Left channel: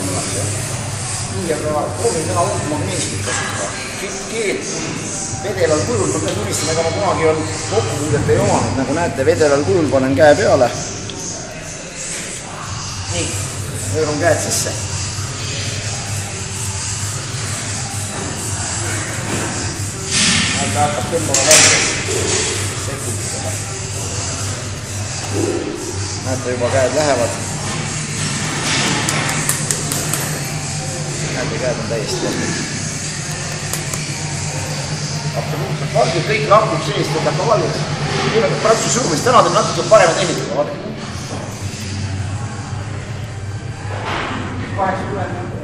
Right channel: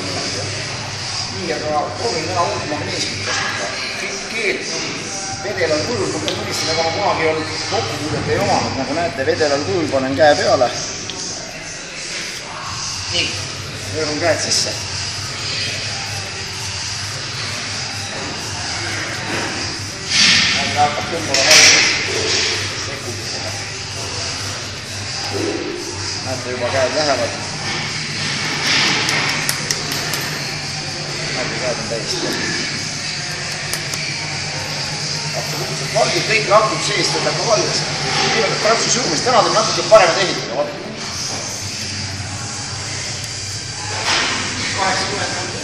nii, aga proovin täna uut magneesimit kasutada. Keelt vedelal kujul, ma pean tunnistama, ega ma kunagi kokkupuudet ei omanud, nagu näete, vedelal kujul panen käe peale. Nii, võõrun käed sisse. Näete, hakkab tõmbama valges sekunditega. Näete, juba käed lähevad. Näete, käed on täiesti vastu. Absoluutselt valgid, kõik lakud sees, võtab ka valges. Teeme ka praegu surumist, täna teeme natuke parema tehnikaga, vaadake. 80